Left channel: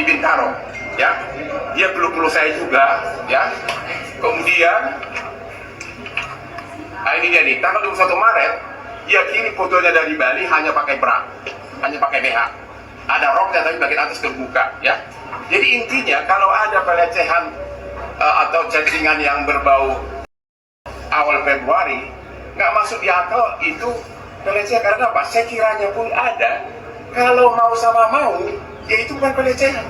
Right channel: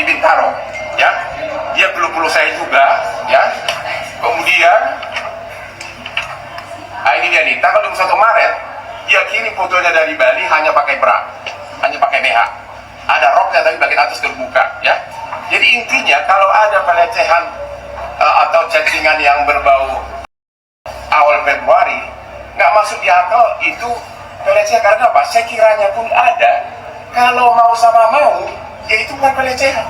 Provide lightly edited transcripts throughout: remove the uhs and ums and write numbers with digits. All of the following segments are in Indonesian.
di Bintaro, ya. Dia peluk-peluk saya juga, ya. Kemudian, ini dia nih, tanggal 21 Maret, dia kirim fotonya dari Bali hanya pakai bra, hanya pakai BH. Ada roknya tapi bagian atas terbuka, ya. Jadi intinya kalau ada pelecehan atau chattingan yang berbau awal Februari, nggak masuk di akal itu pelecehan. Karena apa? Sekiranya pun ada, kalau mau sama mau, ya itu bukan pelecehan.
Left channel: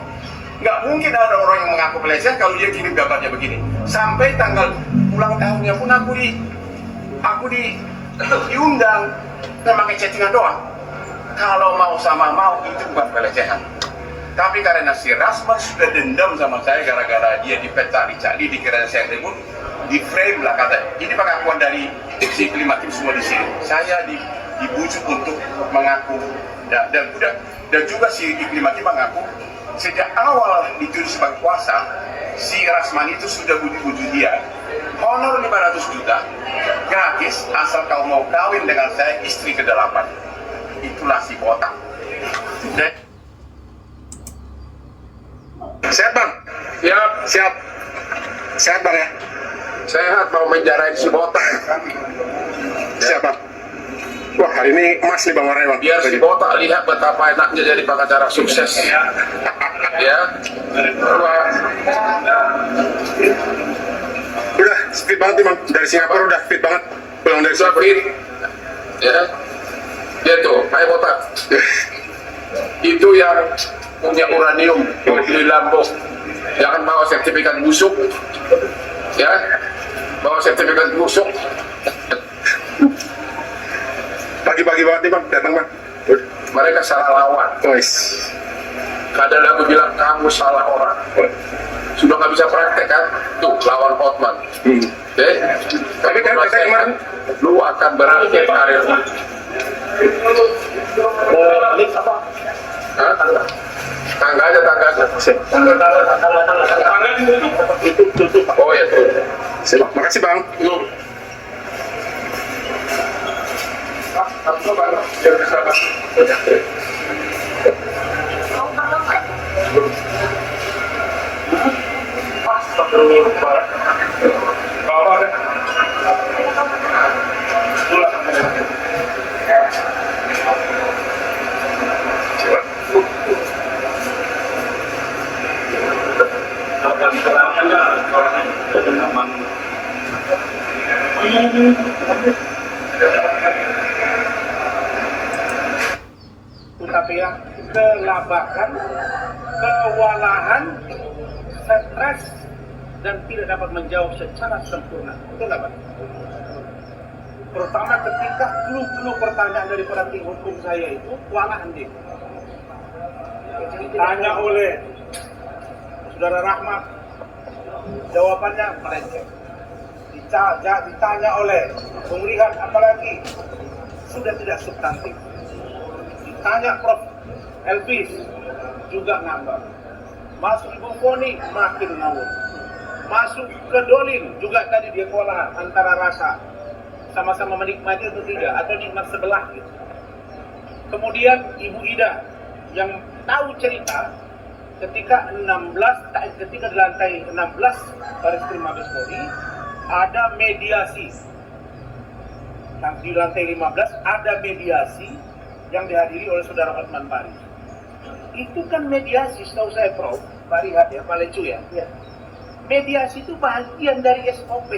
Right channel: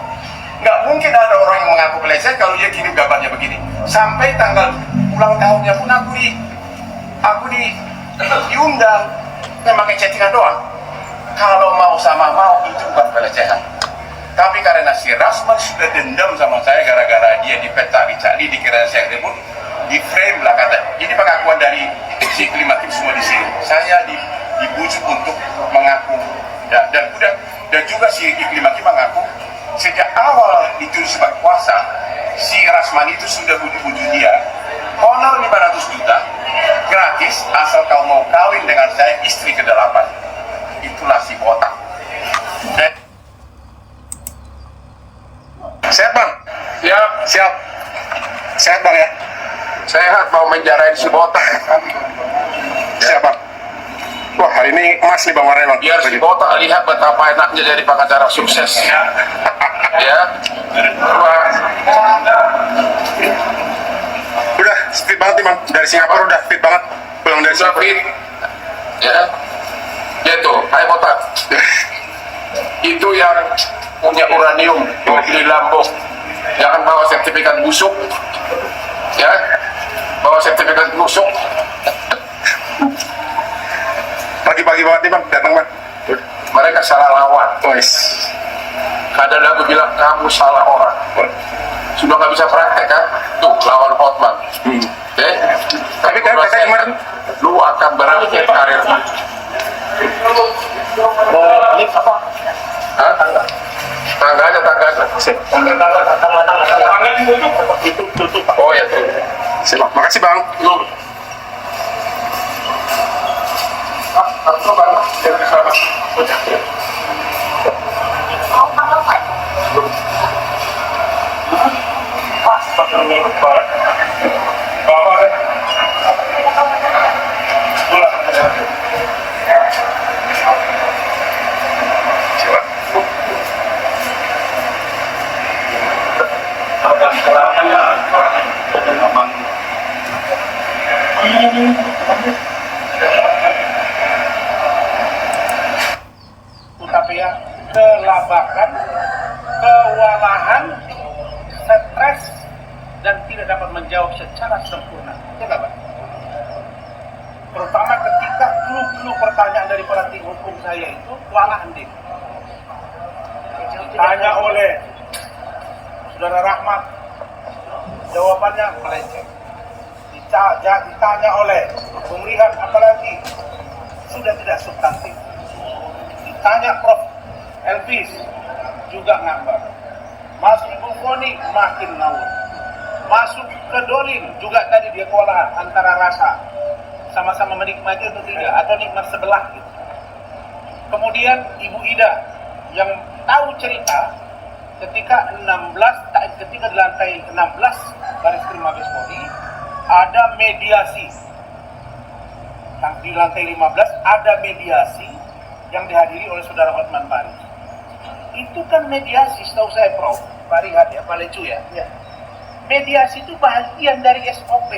Nggak mungkin ada orang yang mengaku pelecehan kalau dia kirim gambarnya begini. Sampai tanggal ulang tahunnya pun aku diundang, pakai chattingan doang. Kalau mau sama mau itu bukan pelecehan. Tapi karena si Rasman sudah dendam sama saya gara-gara dia dicari, dikira saya ribut, di frame lah katanya. Ini pengakuan dari si Klimakim semua di sini. Saya dibujuk untuk mengaku dan juga si Klimakim mengaku sejak awal dituduh sebagai kuasa, si Rasman itu sudah bujuk-bujuk dia honor 500 juta gratis asal kau mau kawin dengan saya istri ke-8. Itulah si botak. Sehat bang? Ya, Siap. Sehat bang ya? sehat mau menjarain si botak. Siap bang. Wah hari ini emas nih bang warnanya bang. Biar si botak lihat betapa enaknya jadi pengacara sukses. Ya. Udah fit banget nih bang. Dari Singapura udah fit banget. Pulang dari Singapura. Fit. Ya. Gitu, hai botak. Itu yang punya uranium di lambung. Jangan bawa sertifikat busuk. Ya. Bawa sertifikat busuk. Pagi-pagi banget nih bang. Datang bang. Mereka salah lawan. Wes. Kadang aku bilang kamu salah orang. Sudah nggak bisa praktek kan? Tuh lawan Hotman. Tapi kan katanya kemarin lu akan berakhir karir. Ini apa? Hah? Tangga aja. Tangan itu tutup. Oh ya tuh. siap. Makasih bang. Lu. Aku bang. Biar bisa. Tapi ya kelabakan, kewalahan, stres dan tidak dapat menjawab secara sempurna. Itu nggak Pak? Pertama ketika dulu pertanyaan dari para tim hukum saya itu kewalahan dia. Ditanya oleh Saudara Rahmat, jawabannya melenceng. Ditanya oleh Bung Rihan apalagi sudah tidak substantif. Ditanya Prof. Elvis juga ngambang. Masuk Ibu Foni makin ngawur. Masuk ke Dolin juga tadi dia kewalahan antara rasa sama-sama menikmati atau tidak, atau nikmat sebelah gitu. Kemudian Ibu Ida yang tahu cerita ketika di lantai 16 Barreskrim Mabes Polri ada mediasi. Di lantai 15 ada mediasi yang dihadiri oleh Saudara Hotman Paris. Itu kan mediasi, setahu saya Prof. Pak Rihat ya, Pak Lecu ya. Mediasi itu bagian dari SOP.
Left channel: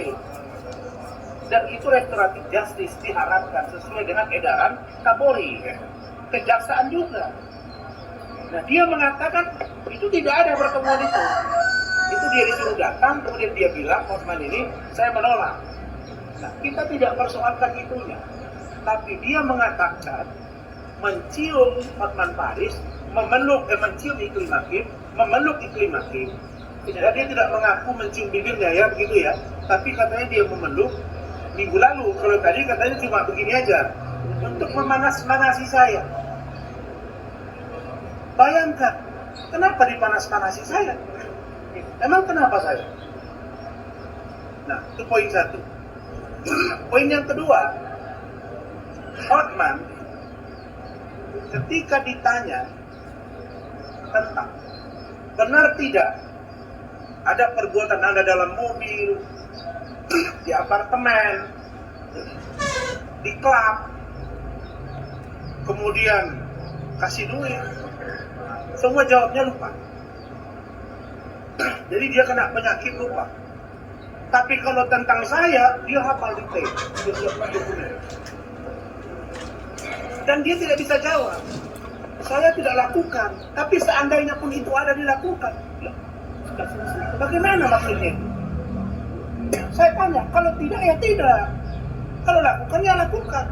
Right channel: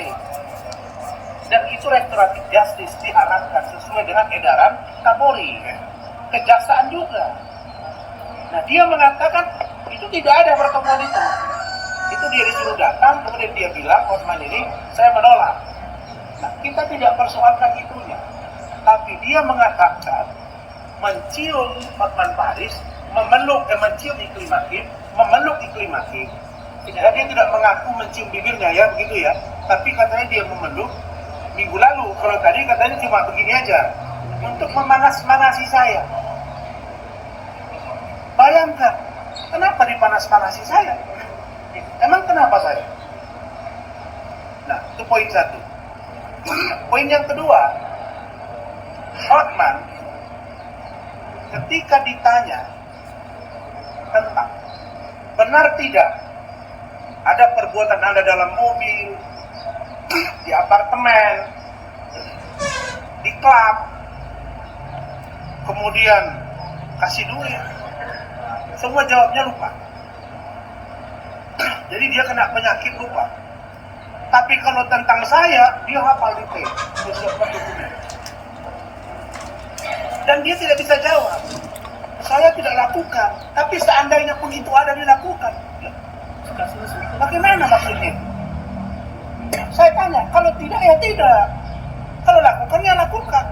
Dan itu restoratif justice diharapkan sesuai dengan edaran Kapolri. Kejaksaan juga. Nah dia mengatakan itu tidak ada pertemuan itu. Itu dia disuruh datang, kemudian dia bilang, Hotman ini saya menolak. Nah kita tidak persoalkan itunya. Tapi dia mengatakan mencium Hotman Paris, mencium Iklim Hakim, memeluk Iklim Hakim. Dia tidak mengaku mencium bibirnya ya begitu ya. Tapi katanya dia memeluk minggu lalu. Kalau tadi katanya cuma begini aja untuk memanas-manasi saya. Bayangkan, kenapa dipanas-manasi saya? Emang kenapa saya? Nah, itu poin satu. Poin yang kedua, Hotman ketika ditanya tentang benar tidak ada perbuatan Anda dalam mobil, di apartemen, di klub, kemudian kasih duit, semua jawabnya lupa. Jadi dia kena penyakit lupa. Tapi kalau tentang saya, dia hafal detail, disiapkan dokumen. Dan dia tidak bisa jawab. Saya tidak lakukan, tapi seandainya pun itu ada dilakukan. Bagaimana maksudnya? Saya tanya, kalau tidak ya tidak. Kalau lakukan ya lakukan.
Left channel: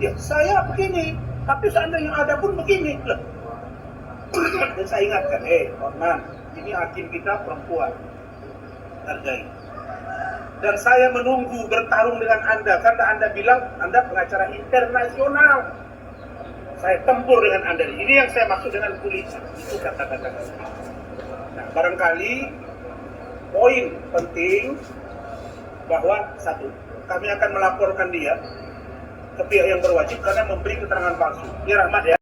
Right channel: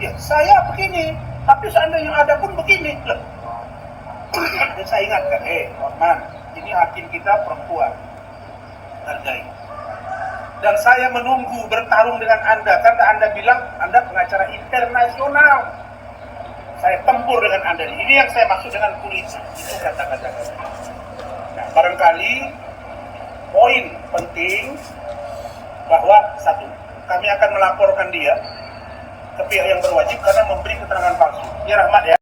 Ya saya begini, tapi seandainya ada pun begini. Dan saya ingatkan, Norman, ini hakim kita perempuan. Hargai. Dan saya menunggu bertarung dengan Anda, karena Anda bilang Anda pengacara internasional. Saya tempur dengan Anda. Ini yang saya maksud dengan politik. Itu kata-kata. Nah, barangkali poin penting bahwa satu, kami akan melaporkan dia ke pihak yang berwajib karena memberi keterangan palsu. Ya Rahmat ya.